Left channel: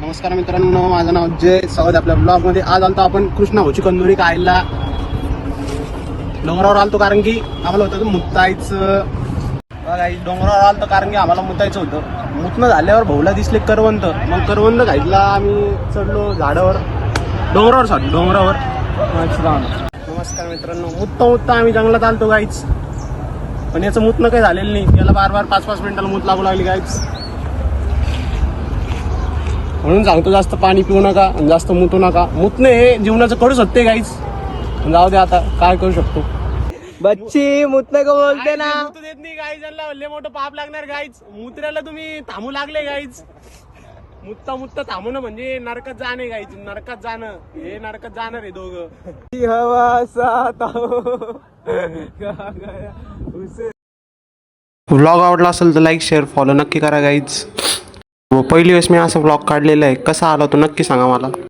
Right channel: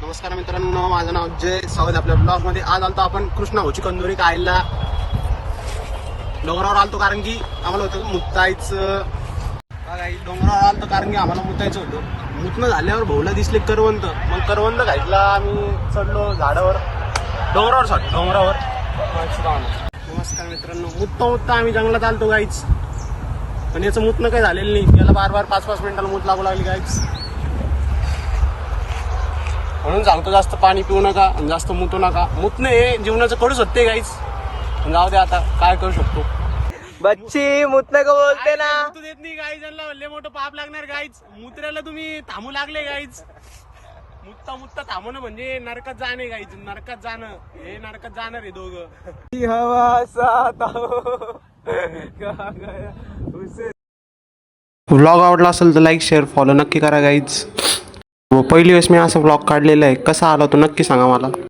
नमस्कार मित्रांनो माझं नाव जय स्वागत आहे आपल्या ब्लॉगमध्ये आज आलतो आपण कृष्णा होची कंदुरी कायला डोंगरावर आलतो कारण की आम्हाला होतं मुत्तायचं डोंगरावर आलतो कारण की आम्हाला मुतायचं होतं. मुतणं झाल्यावर भाऊला दिसले करवंत मग करवंत घातला आम्ही चढलो झाडावर. डोंगरावर सॉरी डोंगरावर. नमस्कार मित्रांनो मुत्ता मुत्ता आम्ही जंगलात आलतो गाईच पण याचं मुतणं काही झालेलं नाही. याला बार बार पाच पाच मिनिटाला मूत लागू लागली गाईच म्हणून सांगतो जास्त पाणी पिऊ नका आणि जास्त मुतू नका. मुतणं हे जीवनाचं करू शकते गाईच जाऊ दे आता काय करू शकतो. बच्ची मुतने को बोलते ना. मुतू देत नाही गाईज लय मोठं पाप लागणार गाईच मुत्र्याला तुम्ही थांबू लागले गाईच मुत्ता मुत्ता थांबणं म्हणजे नरकात जाणे गाईच नरकात जाणं. हे नरकात जाणार आहे दोघं. हवा व्लॉग आवडला असेल तर लाईक शेअर फॉलो नक्की करा गाईज व पहिली वेळेस मी असा ब्लॉग काढलेला आहे. कसा आला तो नक्की सांगा मला.